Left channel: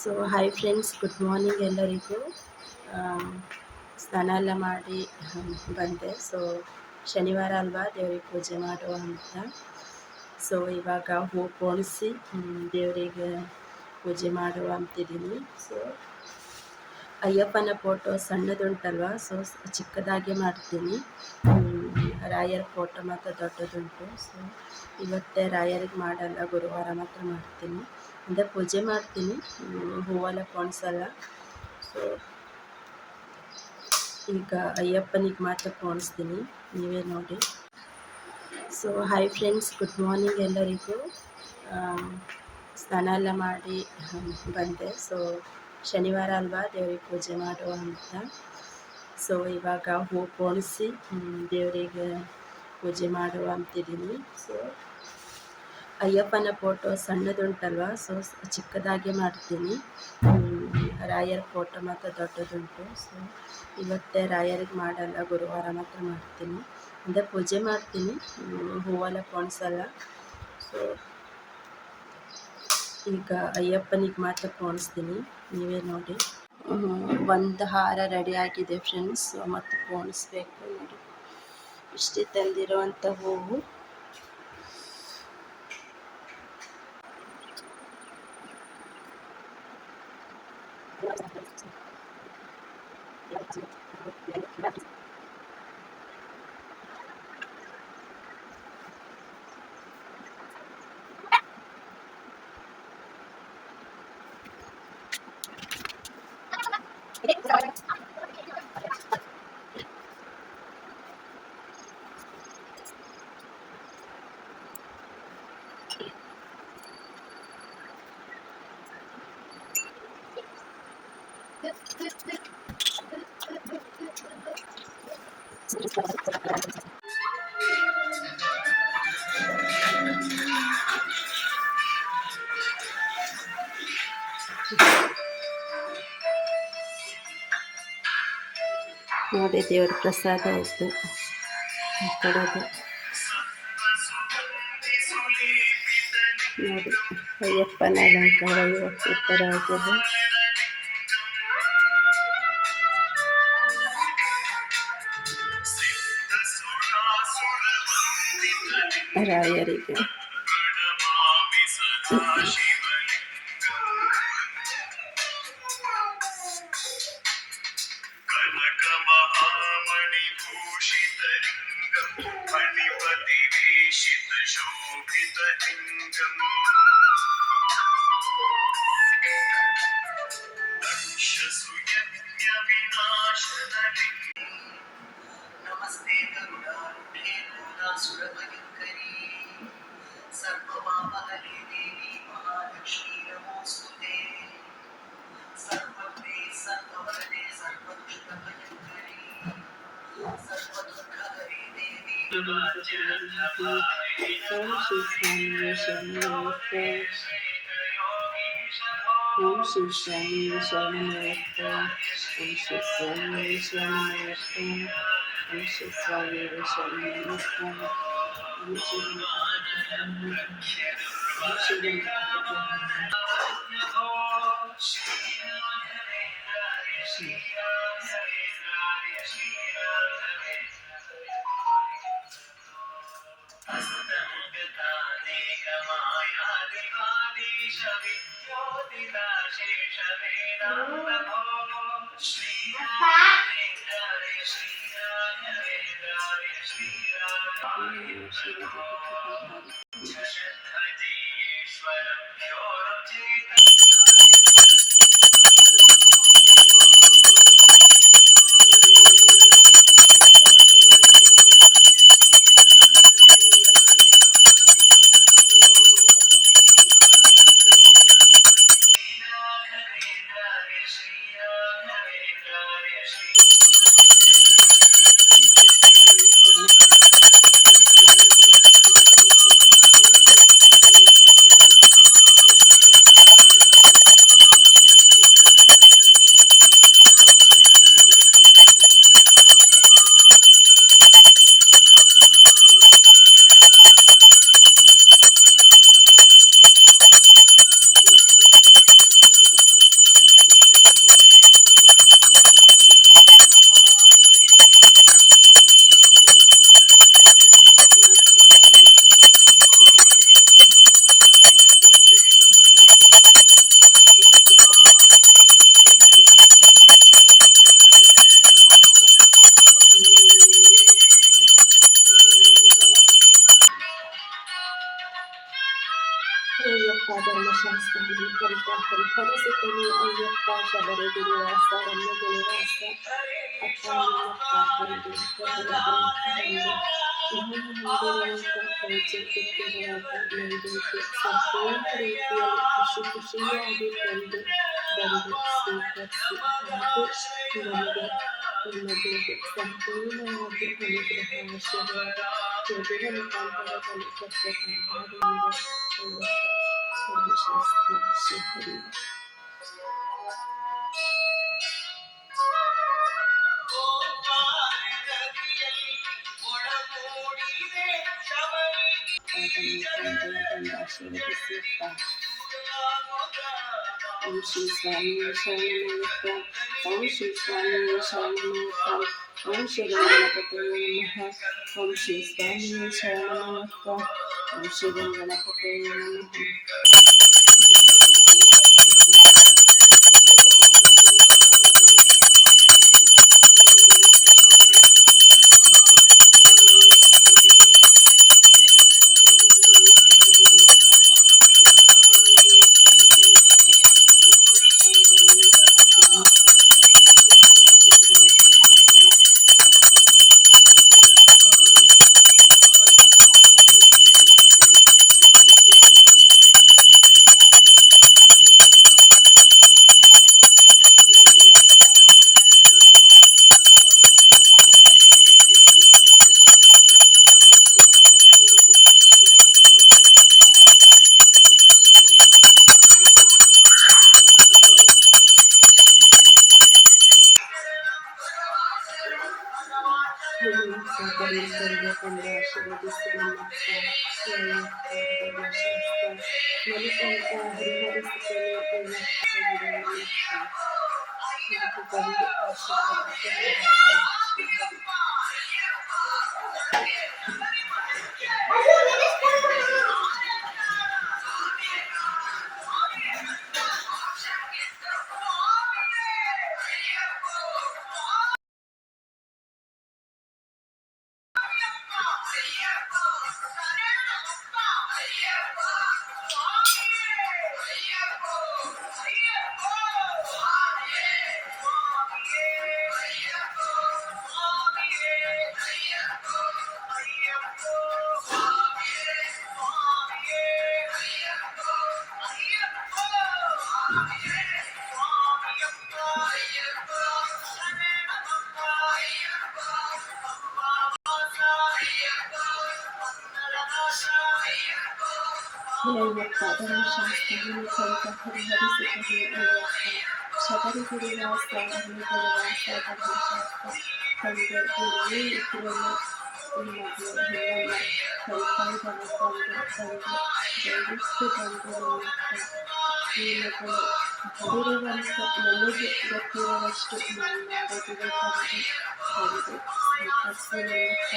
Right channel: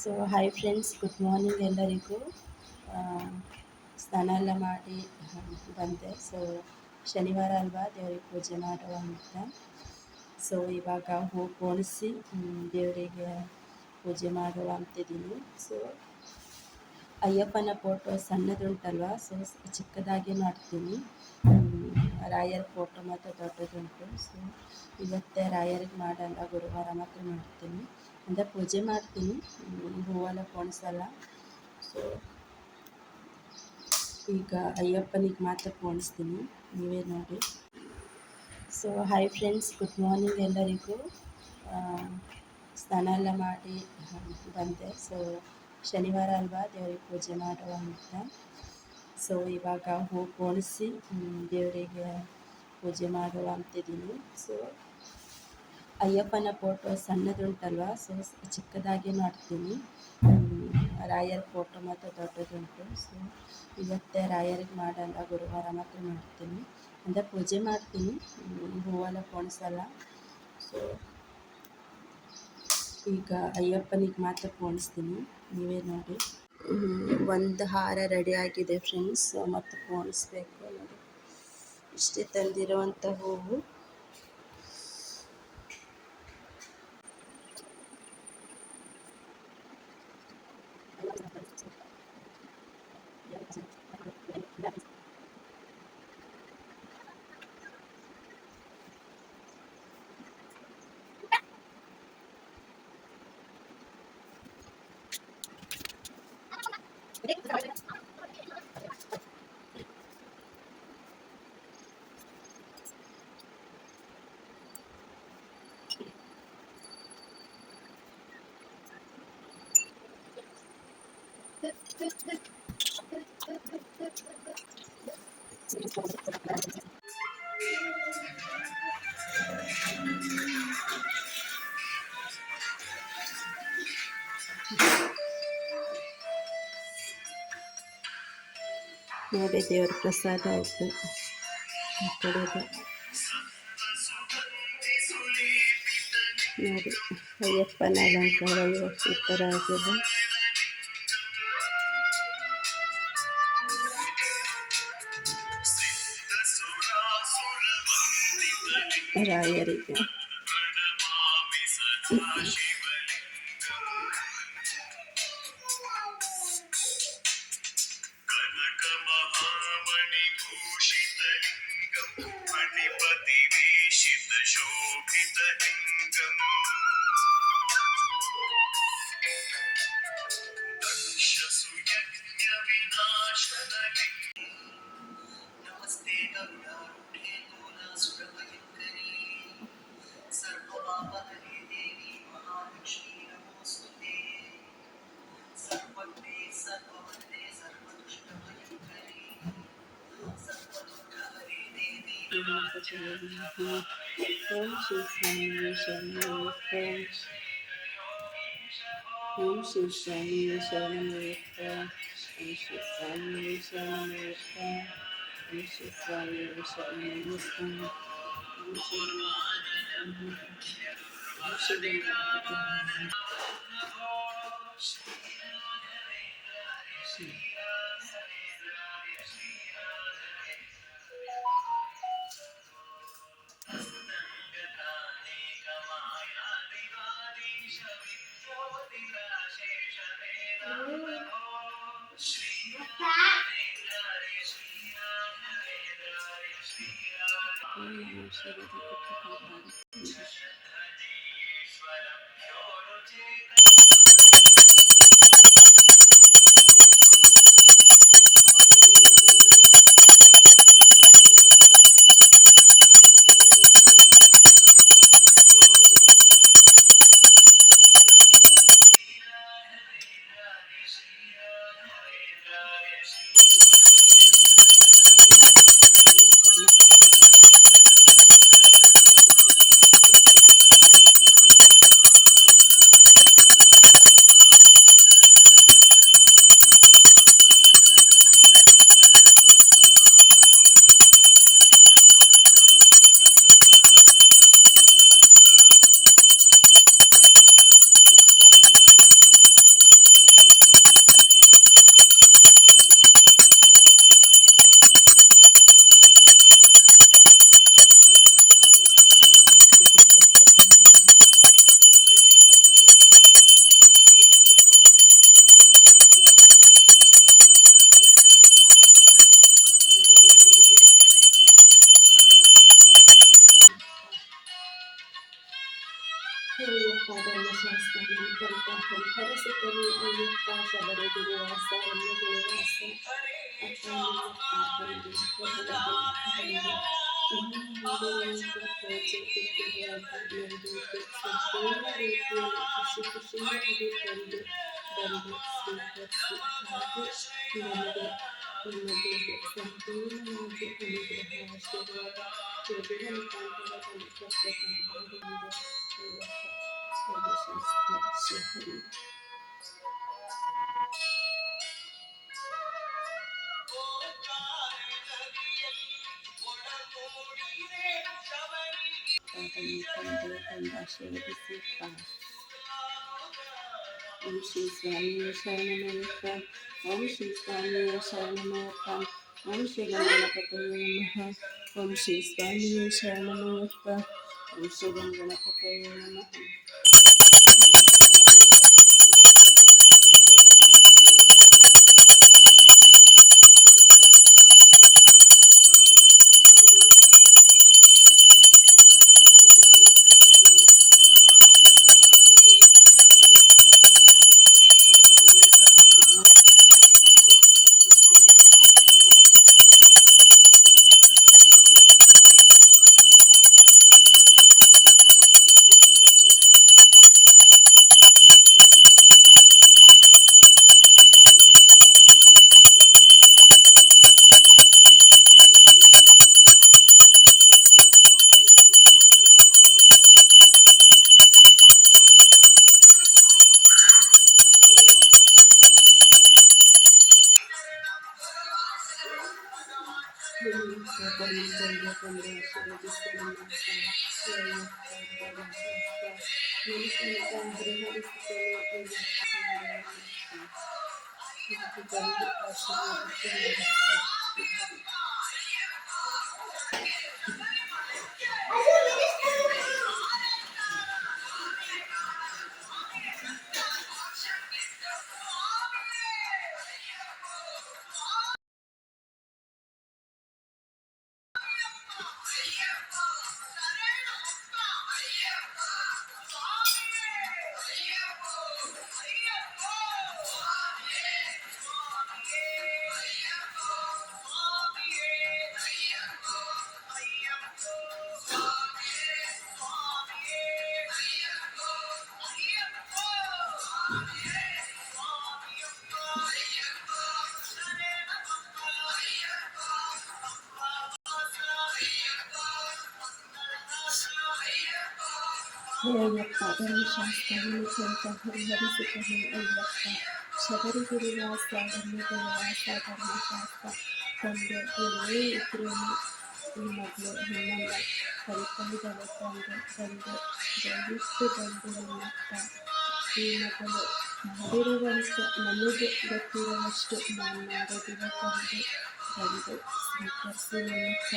So hi friends, good morning ಎಲ್ಲರಿಗೂ. ಆ, ಸ್ನಾನ ಎಲ್ಲ ಮಾಡಿ ಬಂದೆ. ಸೊ ಶನಿವಾರ ಅಲ್ವಾ, ದೇವರಿಗೆ ಪೂಜೆ ಮಾಡುವ ಅಂತ. ಸೊ ಇವಾಗ ಹೂ ಪೋಣಿಸಿ ದೇವರಿಗೆ ಪೂಜೆ ಮಾಡುವ ಅಂತಿದ್ದೀನಿ. ಸೊ ಅಯ್ಯಪ್ಪನ ಫೋಟೋ ಸಣ್ಣದುಂಟಲ್ವ, ಸೊ ಚಿಕ್ಕದಾಗಿ ಮಾಡ್ತೀನಿ. ರಾಯರ ಫೋಟೋ ಮಾತ್ರ ದೊಡ್ಡದುಂಟು. ಸೊ ಇವತ್ತೇ ರಾಯರಿಗೆ ಮಾಡಲ್ಲ, ಗುರುವಾರ ಮಾತ್ರ ಮಾಡ್ತೀನಿ. ಅಂದರೆ ಪೂಜೆ ಮಾಡ್ತೀನಿ, ಹೂವೆಲ್ಲ ಪೋಣಿಸಲ್ಲ. ಸೊ ಈಗ ಅಯ್ಯಪ್ಪನಿಗೆ ಮಾತ್ರ ಪೋಣಿಸ್ತೀನಿ, ನೀವೇ ನೋಡಿ. So hi friends, good morning ಎಲ್ಲರಿಗೂ. ಆ, ಸ್ನಾನ ಎಲ್ಲ ಮಾಡಿ ಬಂದೆ. ಸೊ ಶನಿವಾರ ಅಲ್ವಾ, ದೇವರಿಗೆ ಪೂಜೆ ಮಾಡುವ ಅಂತ. ಸೊ ಇವಾಗ ಹೂ ಪೋಣಿಸಿ ದೇವರಿಗೆ ಪೂಜೆ ಮಾಡುವ ಅಂತಿದ್ದೀನಿ. ಸೊ ಅಯ್ಯಪ್ಪನ ಫೋಟೋ ಸಣ್ಣದುಂಟಲ್ವ, ಸೊ ಚಿಕ್ಕದಾಗಿ ಮಾಡ್ತೀನಿ. ರಾಯರ ಫೋಟೋ ಮಾತ್ರ ದೊಡ್ಡದುಂಟು. ಸೊ ಇವತ್ತೇ ರಾಯರಿಗೆ ಮಾಡಲ್ಲ, ಗುರುವಾರ ಮಾತ್ರ ಮಾಡ್ತೀನಿ. ಅಂದರೆ ಪೂಜೆ ಮಾಡ್ತೀನಿ, ಹೂವೆಲ್ಲ ಪೋಣಿಸಲ್ಲ. ಸೊ ಈಗ ಅಯ್ಯಪ್ಪನಿಗೆ ಮಾತ್ರ ಪೋಣಿಸ್ತೀನಿ, ನೀವೇ ನೋಡಿ. ಒಂದು ಹಾರ ರೆಡಿ ಆಗಿದೆ ಫ್ರೆಂಡ್ಸ್, ಮತ್ತು ಪೋಣಿಸ್ಬೇಕು ನೋಡಿ. ಇಷ್ಟೇ ತಂದಿರೋವಂಥ ಹೂವು. ನೋಡಿ, ದೇವರ ಪ್ರಸಾದ ಆಯಿತು ಕಡೆಗೆ. ನೋಡಿ, ಅಯ್ಯಪ್ಪನ ಅಲಂಕಾರ ಇವಾಗ ಸೂಪರ್ ಆಗಿದೆ. ರಾಯರಿಗೆ नमस्ते गरुडारूढे मूलासुरभयङ्करी सर्वपापहरे देवी महालक्ष्मी नमोऽस्तुते सर्वज्ञे सर्ववरदे सर्वदुष्टभयङ्करी सर्वदुःखहरे देवी ಓಂ ಶ್ರೀ ಸ್ವಾಮಿ ಶರಣಮಯ್ಯಪ್ಪ, ಓಂ ಶ್ರೀ ಸ್ವಾಮಿ ಶರಣಮಯ್ಯಪ್ಪ, ಓಂ ಶ್ರೀ ಸ್ವಾಮಿ ಶರಣಮಯ್ಯಪ್ಪ, ಓಂ ಶ್ರೀ ಹರಸುತ್ತಲೇ ಅಯ್ಯಪ್ಪ ಶಬರಿಗಿರಿವಾಸ ರಮ್ಯಗಿರಿವಾಸ ಅಪ್ಪ ನಿನ್ನಪ್ಪ ತಂದೆ ಪ್ರಭುವಿಗೆ ಬಂದು ನಾನು ಮಾಡಿರುವಂಥ ಪೂಜೆ ಕೊಟ್ಟಿರುವಾಗ ನೈವೇದ್ಯ ಸಂಪೂರ್ಣ ರೀತಿಯಲ್ಲಿ ಖುಷಿ ಖುಷಿಯಾಗಿ ತಂದು ಬಂದು ಸ್ವೀಕರಿಸಿ ಹಾಗೂ ನಮಗೆ ಸಂಪೂರ್ಣವಾಗಿ ಅನುಗ್ರಹ ಆಶೀರ್ವಾದ ಕೊಡುವ ಮುಖಾಂತರದಲ್ಲಿ ಪ್ರತ್ಯೇಕವಾದ ಸರ್ವಶಾಸ್ತ್ರ ಶ್ರೀಹರಿ. ಆಶೀರ್ವದಿಸುತ್ತಾರೆ. ಓಂ ಶ್ರೀ ಸ್ವಾಮಿಯೇ ಶರಣಮಯ್ಯಪ್ಪ. ಓಂ ಶ್ರೀ ಸ್ವಾಮಿಯೇ ಶರಣಮಯ್ಯಪ್ಪ. ಓಂ ಶ್ರೀ ಗಣಪತಯೇ ನಮಃ. ಓಂ ಶ್ರೀ ಸ್ವಾಮಿಯೇ ಶರಣಮಯ್ಯಪ್ಪ. ಓಂ ಶ್ರೀ ಗಣಪತಯೇ ನಮಃ. ಅಯ್ಯಪ್ಪ ಧರ್ಮಶಾಸ್ತ್ರ ಸ್ವಲ್ಪ ಹರಿಹರಿಸುತ್ತದೆ ಅಯ್ಯಪ್ಪ ಶಬರಿಗಿರಿವಾಸ ರಮ್ಯಗಿರಿವಾಸ ಧರ್ಮಶಾಸ್ತ್ರ ತಂದೆ ನನ್ನೇ ಇದ್ರೂ ಮಗಳು ನಿಮ್ಮನ್ನ ಕರಿತಾಯಿದ್ದಾಳೆ ಬಂದು ದಯವಿಟ್ಟು ಬಂದು ನಿಮ್ಮತ್ತ ಈ ಮಗಳು ಮಾಡಿರುವಂಥ ನನಗೆ ಗೊತ್ತಿರುವಷ್ಟು ನಾನು ಮಾಡೋದಿದೆ ಬಂದು ಸ್ವೀಕರಿಸಿ ನಿಮ್ಮತ್ತ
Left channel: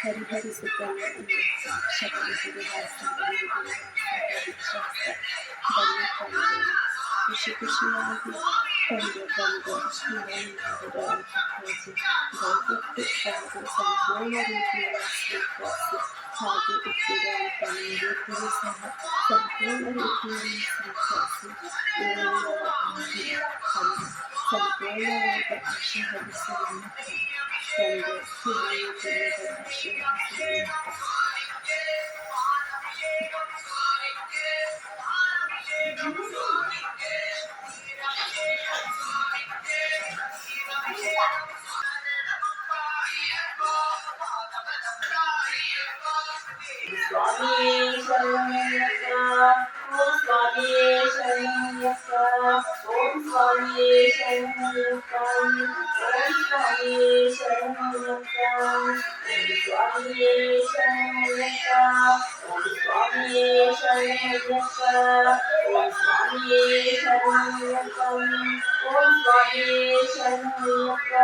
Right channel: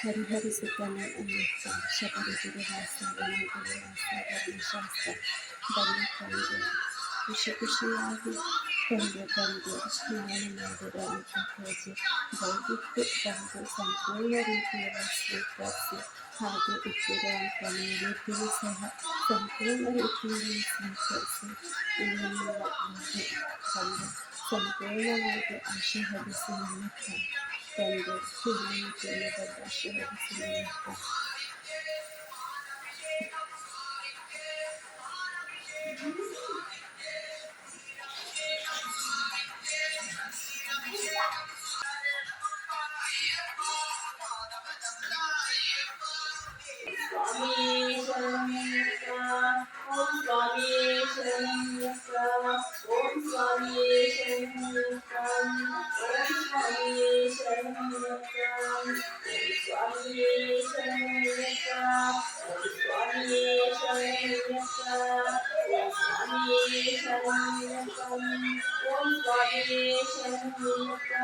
ಹರಿಹರಿಸುತ್ತಾನೆ ಅಯ್ಯಪ್ಪ ಶಬರಿಗಿರಿವಾಸ ರಮ್ಯಗಿರಿವಾಸ ಧರ್ಮಶಾಸ್ತ್ರ ಬಂದು ಖುಷಿ ಖುಷಿಯಾಗಿ ಬಂದು ನಾನು ಮಾಡಿರುವಂಥ ಪೂಜೆ ದಯವಿಟ್ಟು ಬಂದು ಸಂಪೂರ್ಣ ರೀತಿಯಲ್ಲಿ ಸ್ವೀಕರಿಸಿ ಹಾಗೆ ಇಟ್ಟಿರುವಂಥ ನೈವೇದ್ಯವೂ ಸಹ ಸಂಪೂರ್ಣ ರೀತಿಯಲ್ಲಿ ಸ್ವೀಕರಿಸಿ ಬಂದು ಸಂಪೂರ್ಣವಾದ ಆಶೀರ್ವದಿಸಿ ನಿಮಿತ್ತ ತಂದೆ ಹಿರಿಯ ಆಶೀರ್ವದಿಸಿ ನಿಮಿತ್ತ ಸ್ವಾಮಿಯೇ ಶರಣಯ್ಯಪ್ಪ ಓಂ ಸ್ವಾಮಿಯೇ ಶರಣಯ್ಯಪ್ಪ ಓಂ ಸ್ವಾಮಿಯೇ ಶರಣಯ್ಯಪ್ಪ ಓಂ ಸ್ವಾಮಿಯೇ ಶರಣಯ್ಯಪ್ಪ ಓಂ ಸ್ವಾಮಿಯೇ ಶರಣಯ್ಯಪ್ಪ ಓಂ ಸ್ವಾಮಿಯೇ ಶರಣಯ್ಯಪ್ಪ ಓಂ ಸ್ವಾಮಿಯೇ ಶರಣಯ್ಯಪ್ಪ